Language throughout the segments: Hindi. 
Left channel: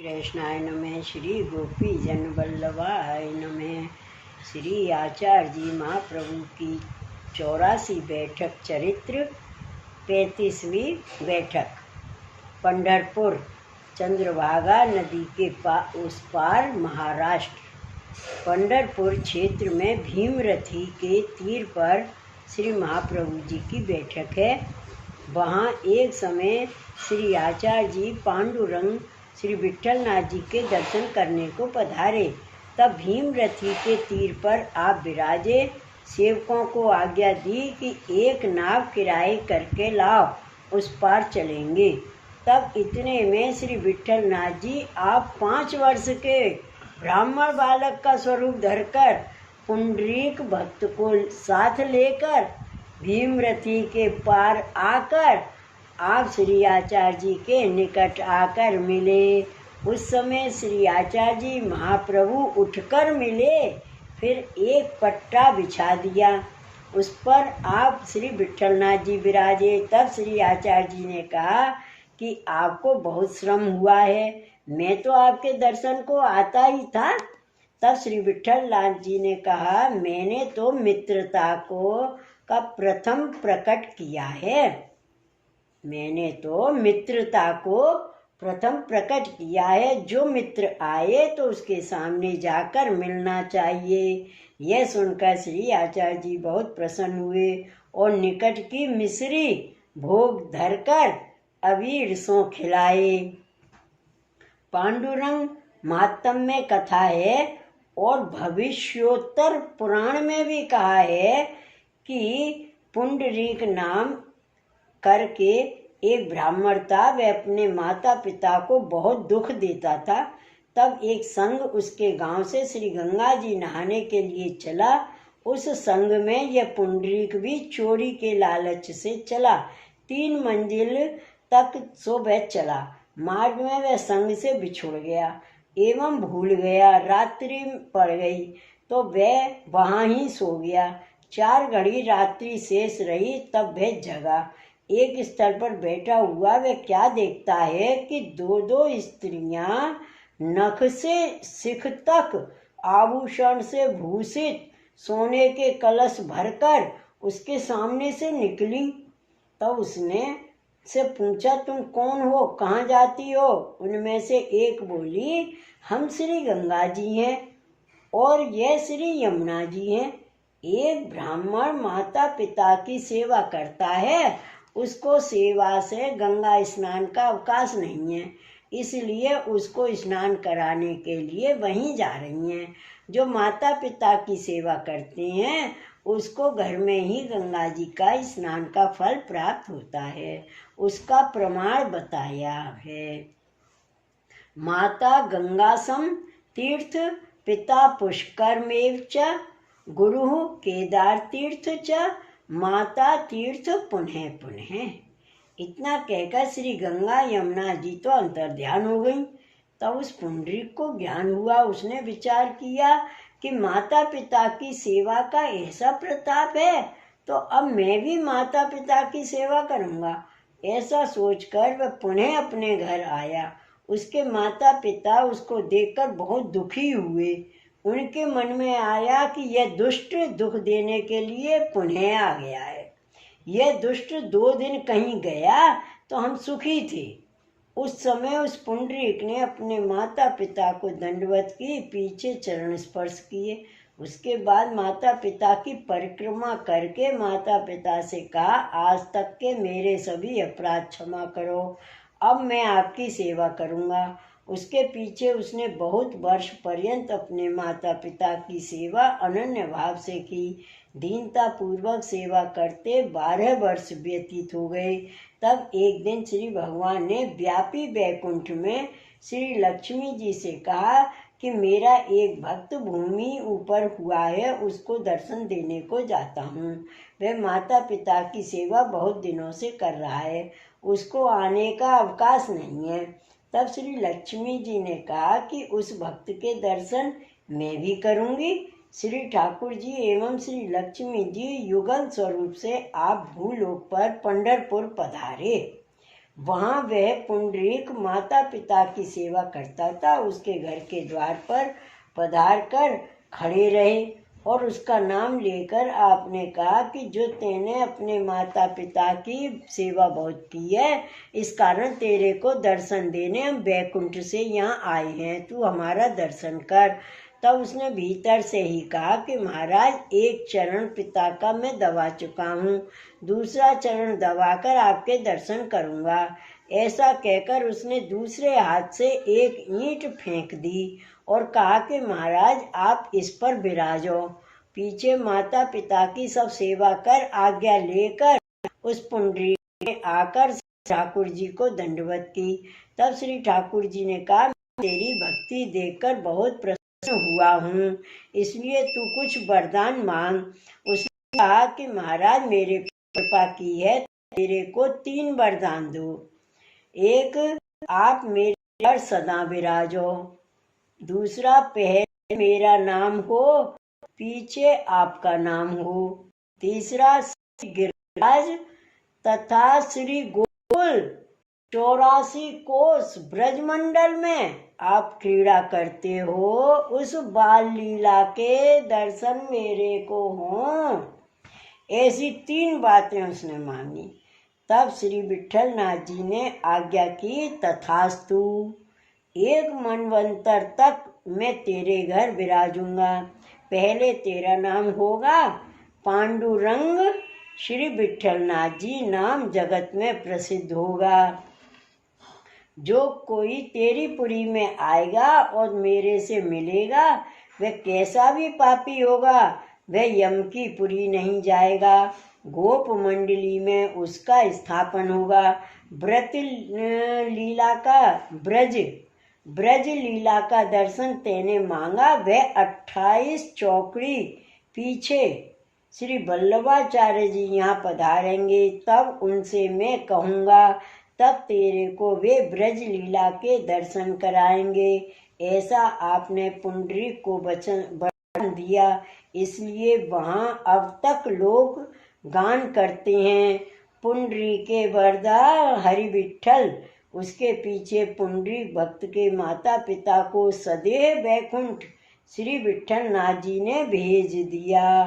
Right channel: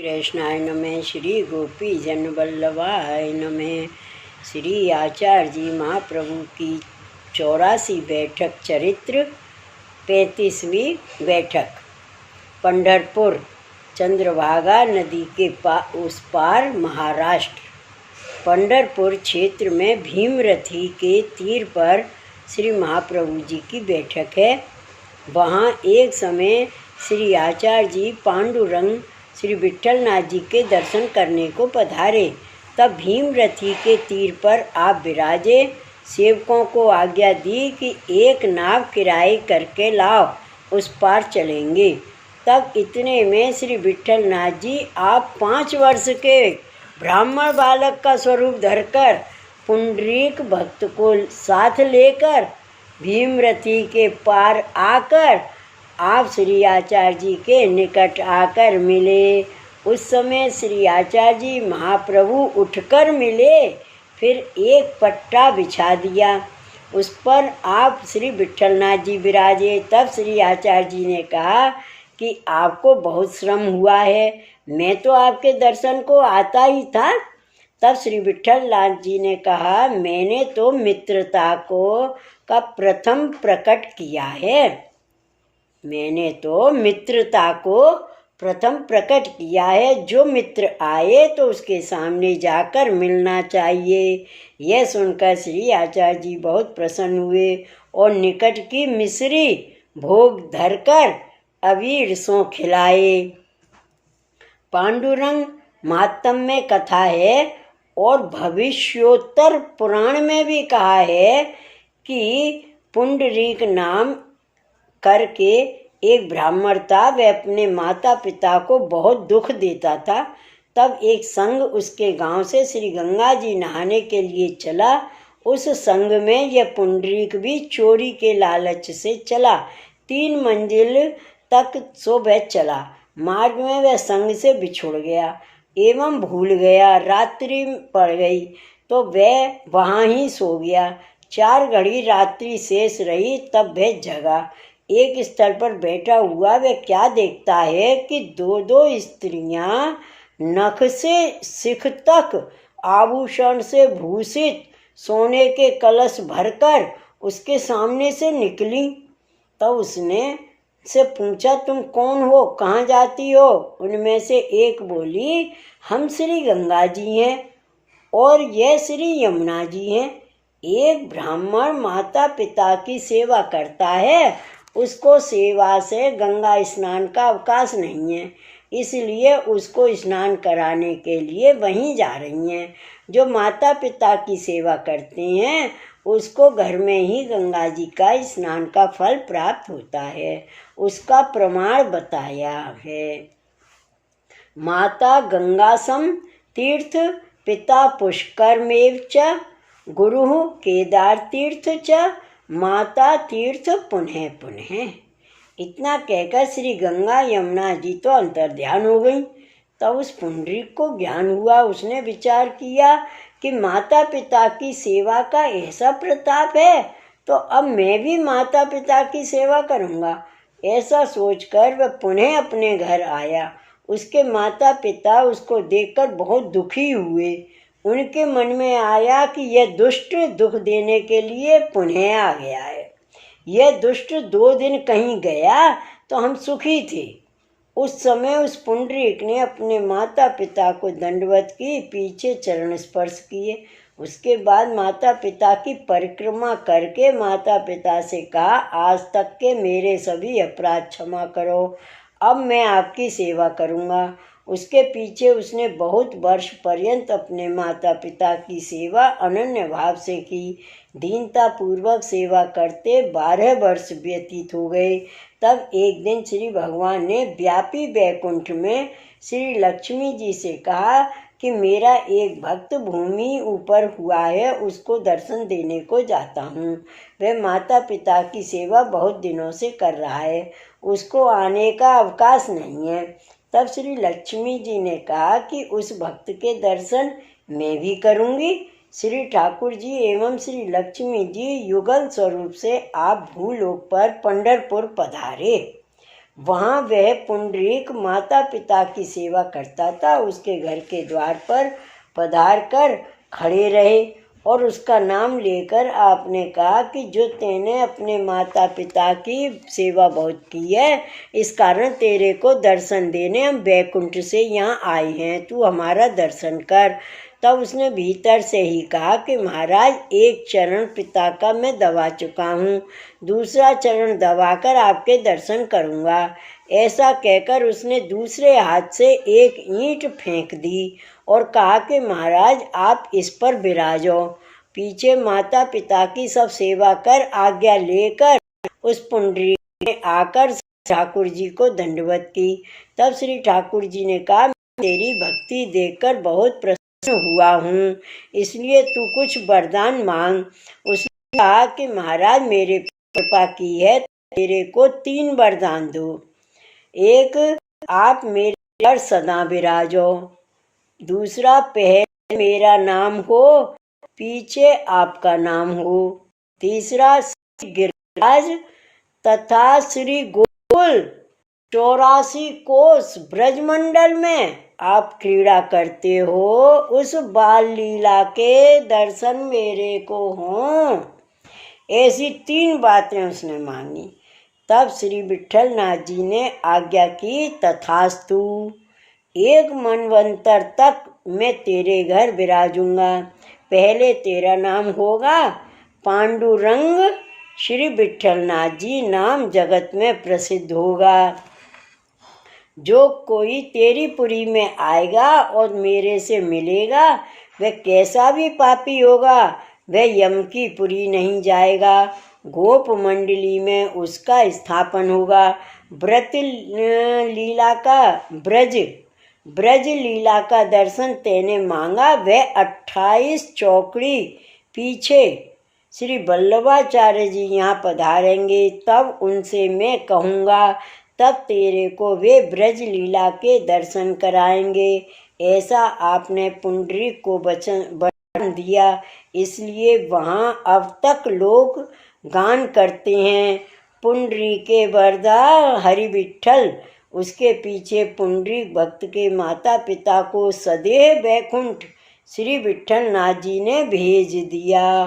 कृष्णाय नमः। श्री गोपी जन वल्लभाय नमः। श्री आचार्य जी महाप्रभु की 84 बैठक चरित्र 35वीं बैठक। पंढरपुर, चंद्रभागा नदी के उस पार महाराष्ट्र। पंढरपुर क्षेत्र में भीमरथी के तीर पर श्री महाप्रभु जी की बैठक है। वहाँ एक समय श्री आचार्य जी पांडुरंग श्री विट्ठलनाथ जी के दर्शन करने को पधारे। तब भीमरथी के तीर पर आप विराजे। सेवकों को आज्ञा दी कि एक नाव किराए करके लाओ, उस पार चलेंगे। तब इतने में श्री विट्ठलनाथ जी आप 5 वर्ष के ब्राह्मण बालक का स्वरूप धरकर पुंडरीक भक्त को साथ लेकर भीमरथी के पार आकर आप श्री आचार्य जी के निकट आकर मिले। उस समय श्री आचार्य जी महाप्रभु उठकर मिले, फिर एक पट्टा बिछा दिया, उस पर आप श्री विट्ठलनाथ जी विराजे। तब श्री आचार्य जी ने कहा कि आपको बहुत श्रम हुआ है, मैं तो आपके दर्शन को आता ही था। तब श्री विट्ठलनाथ जी ने कहा, मैंने तो मित्रता को का प्रथम प्रकट किया है। मैंने तो मित्रता को प्रथम प्रकट किया है। जो मित्र आए तो उसके सामने जाकर मिलना चाहिए। यह सुनकर श्री आचार्य जी बहुत प्रसन्न हुए और निकट की मिश्री भोग धरकर अबीर सो खिलाए। पांडुरंग महात्म्य में कथा है और भविष्योत्तर पुराण में भी कहा है कि पुंडरीक नाम करके एक ब्राह्मण था। वह अपने माता पिता को बहुत दुख देता था। तब एक संघ उसके गांव से श्री गंगा जी नहाने के लिए चला। उस संघ में यह पुंडरीक भी चोरी के लालच से चला। 3 मंजिल तक सो वह चला। मार्ग में वह संघ से बिछुड़ गया एवं भूल गया। रात्रि पड़ गई तो वह वहाँ ही सो गया। 4 घड़ी रात्रि शेष रही, तब वह जगा। एक स्थल पर बैठा हुआ वह क्या देखता है कि 2 स्त्रियां नख से सिख तक आभूषण से भूषित सोने के कलश भरकर उसके सामने से निकली। तब उसने से पूछा, तुम कौन हो, कहाँ जाती हो? उनमें से एक बोली, हम श्री गंगा जी हैं और यह श्री यमुना जी हैं। एक ब्राह्मण माता पिता की सेवा करता है, उसको सेवा से गंगा स्नान का अवकाश नहीं है, इसलिए उसको स्नान कराने के लिए वहीं जा रही हैं। जो माता पिता की सेवा करते हैं उसको घर में ही गंगा जी का स्नान का फल प्राप्त होता है। उसका प्रमाण बताया है। माता गंगासम तीर्थ पिता पुष्करमेव च गुरु केदार तीर्थ च माता तीर्थ पुनः पुनः। इतना कहकर श्री गंगा यमुना जी तो अंतर्ध्यान हो गई। तब उस पुंडरीक को ज्ञान हुआ। उसने विचार किया कि माता पिता की सेवा का ऐसा प्रताप है, तो अब मैं भी माता पिता की सेवा करूँगा। ऐसा सोचकर वह पुनः अपने घर आया। उसके माता पिता उसको देखकर बहुत दुखी हुए। उनके मन में आया कि यह दुष्ट दुख देने के लिए पुनः आ गया है। यह दुष्ट 2 दिन कहीं गया तो हम सुखी थे। उस समय उस पुंडरीक ने अपने माता पिता को दंडवत की, पीछे चरण स्पर्श किए। उसके बाद माता पिता की परिक्रमा करके माता पिता से कहा, आज तक के मेरे सभी अपराध क्षमा करो, अब मैं आपकी सेवा करूँगा। उसके पीछे उसने बहुत वर्ष पर्यंत अपने माता पिता की सेवा अनन्य भाव से की। दीनता पूर्वक सेवा करते 12 वर्ष व्यतीत हो गए। तब एक दिन श्री भगवान ने व्यापी वैकुंठ में श्री लक्ष्मी जी से कहा कि मेरा एक भक्त भूमि ऊपर हुआ है, उसको दर्शन देने को जाता हूँ। वह माता पिता की सेवा बहुत दिनों से कर रहा है, उसको आने का अवकाश नहीं है। तब श्री लक्ष्मी जी ने कहा कि उस भक्त के दर्शन मैं भी करूँगी। श्री ठाकुर जी एवं श्री लक्ष्मी जी युगल स्वरूप से आप भूलोक पर पंढरपुर पधारे। वहाँ वह पुंडरीक माता पिता की सेवा करता था। उसके घर के द्वार पर पधार कर खड़े रहे और उसका नाम लेकर आपने कहा कि जो तेने अपने माता पिता की सेवा बहुत की है, इस कारण तेरे को दर्शन देने हम बैकुंठ से यहाँ आए हैं, तू हमारा दर्शन कर। तब उसने भीतर से ही कहा कि महाराज, एक चरण पिता का मैं दबा चुका हूँ, दूसरा चरण दबाकर आपके दर्शन करूँगा। ऐसा कहकर उसने दूसरे हाथ से एक ईंट फेंक दी और कहा कि महाराज, आप इस पर विराजो। पीछे माता पिता की सब सेवा कर आज्ञा लेकर उस पुंडरीक ने आकर ठाकुर जी को दंडवत की। तब श्री ठाकुर जी ने कहा, मैं तेरी भक्ति देखकर बहुत प्रसन्न हुआ हूँ, इसलिए तू कुछ वरदान मांग। उसने कहा कि महाराज, मेरे कृपा की है, तेरे को 3 वरदान दो। एक, आप मेरे पर सदा विराजो। दूसरा, पहले मेरा नाम हो, पीछे आपका नाम हो। तीसरा, श्री गिरिराज तथा श्री गोकुल 84 कोस ब्रजमंडल में आप क्रीड़ा करते हो, उस बाल लीला के दर्शन मेरे को हों। ऐसी 3 बातें उसने मांगी। तब श्री विट्ठल नाथ जी ने आज्ञा की, तथास्तु। 1 मनवंतर तक मैं तेरे घर विराजूंगा। पहले तेरा नाम होगा पांडुरंग। श्री विट्ठल नाथ जी नाम जगत में प्रसिद्ध होगा। जो कोई तेरी पुरी में आएगा और मेरे से मिलेगा, वह कैसा भी पापी होगा, वह यम की पुरी नहीं जाएगा। गोप मंडली में उसका स्थापन होगा। ब्रज लीला का दर्शन तेने मांगा, वह 28 चौकड़ी पीछे श्री वल्लभाचार्य जी यहाँ पधारेंगे, तब उनसे मैं कहूँगा, तब तेरे को वे ब्रज लीला के दर्शन कराएंगे। ऐसा आपने पुंडरीक को वचन दिया, इसलिए वहाँ अब तक लोग गान करते हैं, पुंडरीके वरदा हरि विट्ठल। उसके पीछे पुंडरीक भक्त के माता पिता को सदैव बैकुंठ श्री विट्ठल नाथ जी ने भेज दिया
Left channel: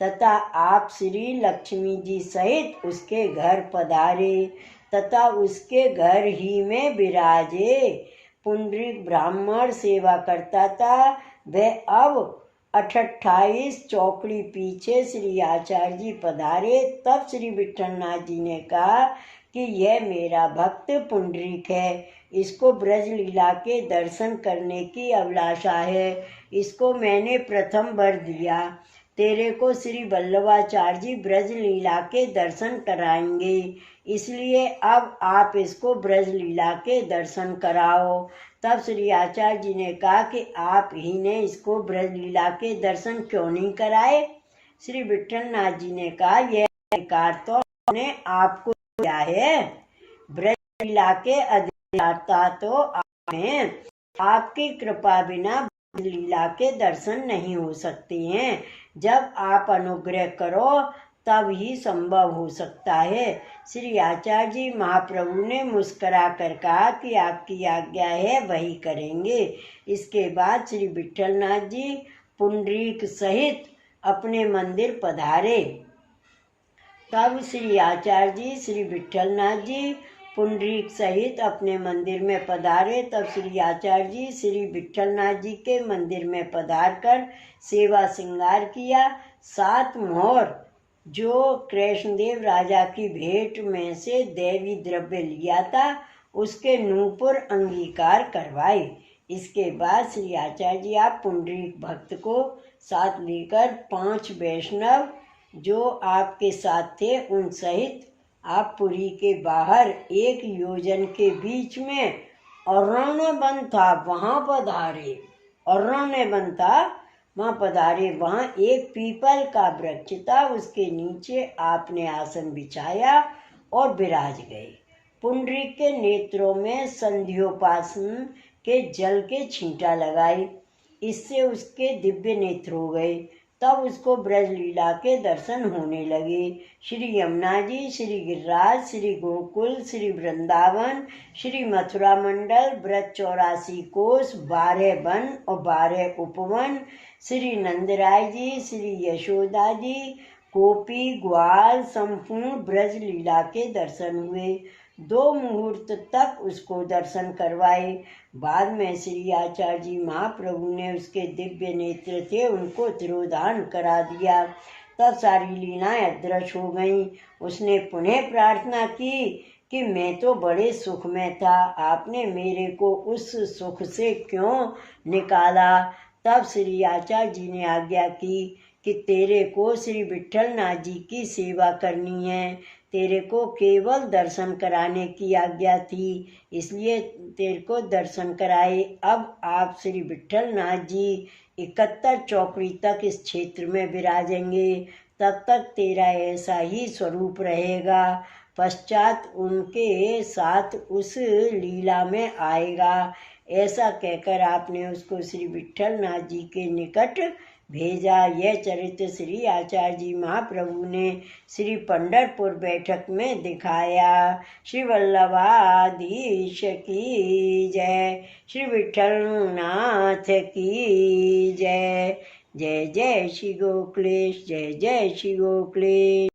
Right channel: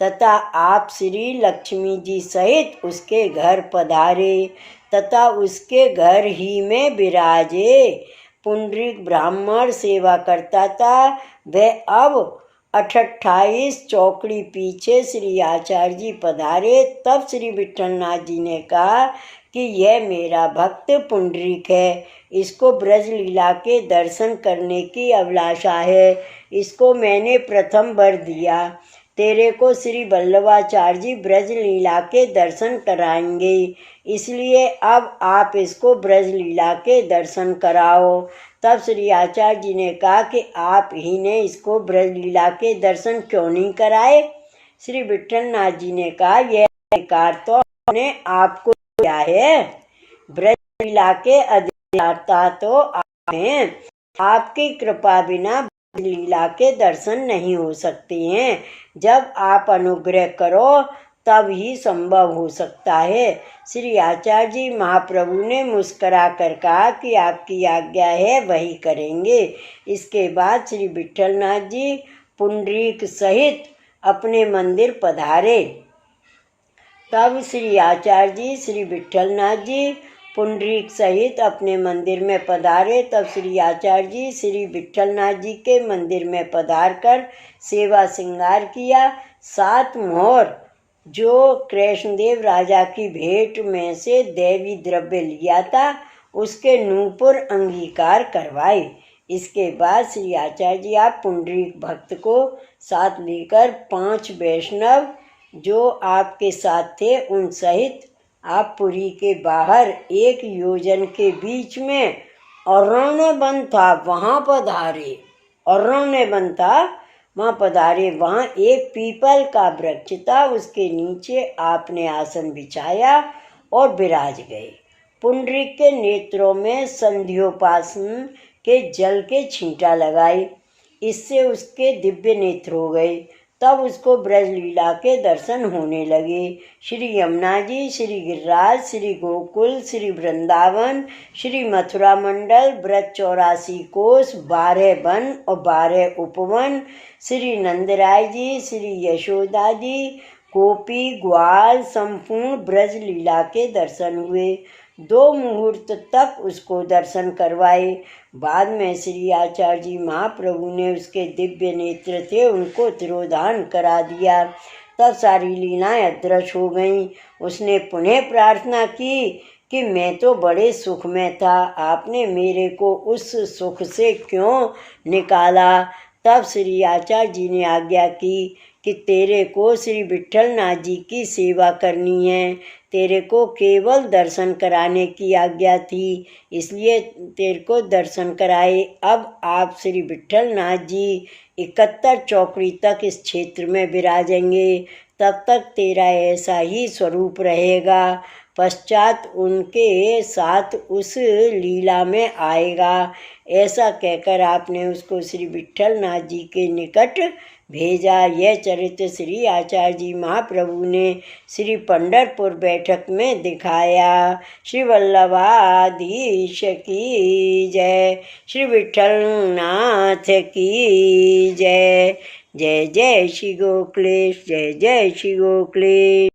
तथा आप श्री लक्ष्मी जी सहित उसके घर पधारे तथा उसके घर ही में विराजे। पुंडरीक ब्राह्मण सेवा करता था, वह अब 28 चौकड़ी पीछे श्री आचार्य जी पधारे। तब श्री विट्ठल नाथ जी ने कहा कि यह मेरा भक्त पुंडरीक है, इसको ब्रज लीला के दर्शन करने की अभिलाषा है, इसको मैंने प्रथम वर दिया। तेरे को श्री वल्लभाचार्य जी ब्रज लीला के दर्शन कराएंगे, इसलिए अब आप इसको ब्रज लीला के दर्शन कराओ। तब श्री आचार्य जी ने कहा कि आप ही ने इसको ब्रज लीला के दर्शन क्यों नहीं कराए। श्री विट्ठल नाथ जी ने कहा, यह अधिकार तो हमने आपको दिया है, ब्रज लीला के अधिष्ठाता तो आप हैं, आपकी कृपा बिना ब्रज लीला के दर्शन नहीं हो सकते हैं। जब आप अनुग्रह करो तब ही संभव हो सकता है। श्री आचार्य जी महाप्रभु ने मुस्करा कर कहा कि आपकी आज्ञा है, वही करेंगे। इसके बाद श्री विट्ठल नाथ जी पुंडरीक सहित अपने मंदिर पधारे। तब श्री आचार्य जी श्री विट्ठल नाथ जी पुंडरीक सहित अपने मंदिर में पधारे। तब श्री आचार्य जी श्री विट्ठल नाथ जी के मंदिर में पधार कर सेवा श्रृंगार किया। 7 मोहर जो कृष्णदेव राजा की भेंट में से देवी द्रव्य लिया था, उसके नूपुर अंगीकार करवाए। इसके बाद श्री आचार्य जी आप पुंडरीक भक्त को साथ लेकर 5 वैष्णव जो आपके साथ थे उन सहित आप पुरी के बाहर 1 योजन के बीच में अरण्य वन था, वहाँ पधारे। अरण्य वन था, वहाँ पधारे। वहाँ एक पीपल का वृक्ष था, उसके नीचे आपने आसन बिछाया और विराज गए। पुंडरीक के नेत्रों में संध्योपासन के जल के छींटा लगाई, इससे उसके दिव्य नेत्र हो गए। तब उसको ब्रजलीला के दर्शन होने लगे। श्री यमुना जी, श्री गिरिराज, श्री गोकुल, श्री वृंदावन, श्री मथुरा मंडल, ब्रज 84 कोस, 12 वन और 12 उपवन, श्री नंदराय जी, श्री यशोदा जी, गोपी ग्वाल, संपूर्ण ब्रज लीला के दर्शन हुए। 2 मुहूर्त तक उसको दर्शन करवाए। बाद में श्री आचार्य जी महाप्रभु ने उसके दिव्य नेत्र थे उनको तिरोधान करा दिया। तब सारी लीलाएं अदृश्य हो गईं। उसने पुनः प्रार्थना की कि मैं तो बड़े सुख में था, आपने मेरे को उस सुख से क्यों निकाला। तब श्री आचार्य जी ने आज्ञा की कि तेरे को श्री विट्ठलनाथ जी की सेवा करनी है, तेरे को केवल दर्शन कराने की आज्ञा थी, इसलिए तेरे को दर्शन कराए। अब आप श्री विट्ठलनाथ जी 71 चौकड़ी तक इस क्षेत्र में विराजेंगे, तब तक तेरा ऐसा ही स्वरूप रहेगा। पश्चात उनके साथ उस लीला में आएगा। ऐसा कहकर आपने उसको श्री विट्ठलनाथ जी के निकट भेजा। यह चरित्र श्री आचार्य जी महाप्रभु ने श्री पंढरपुर बैठक में दिखाया। श्री वल्लभाधीश की जय, श्री विट्ठलनाथ की जय। जय जय श्री गोकुलेश, जय जय श्री गोकुलेश।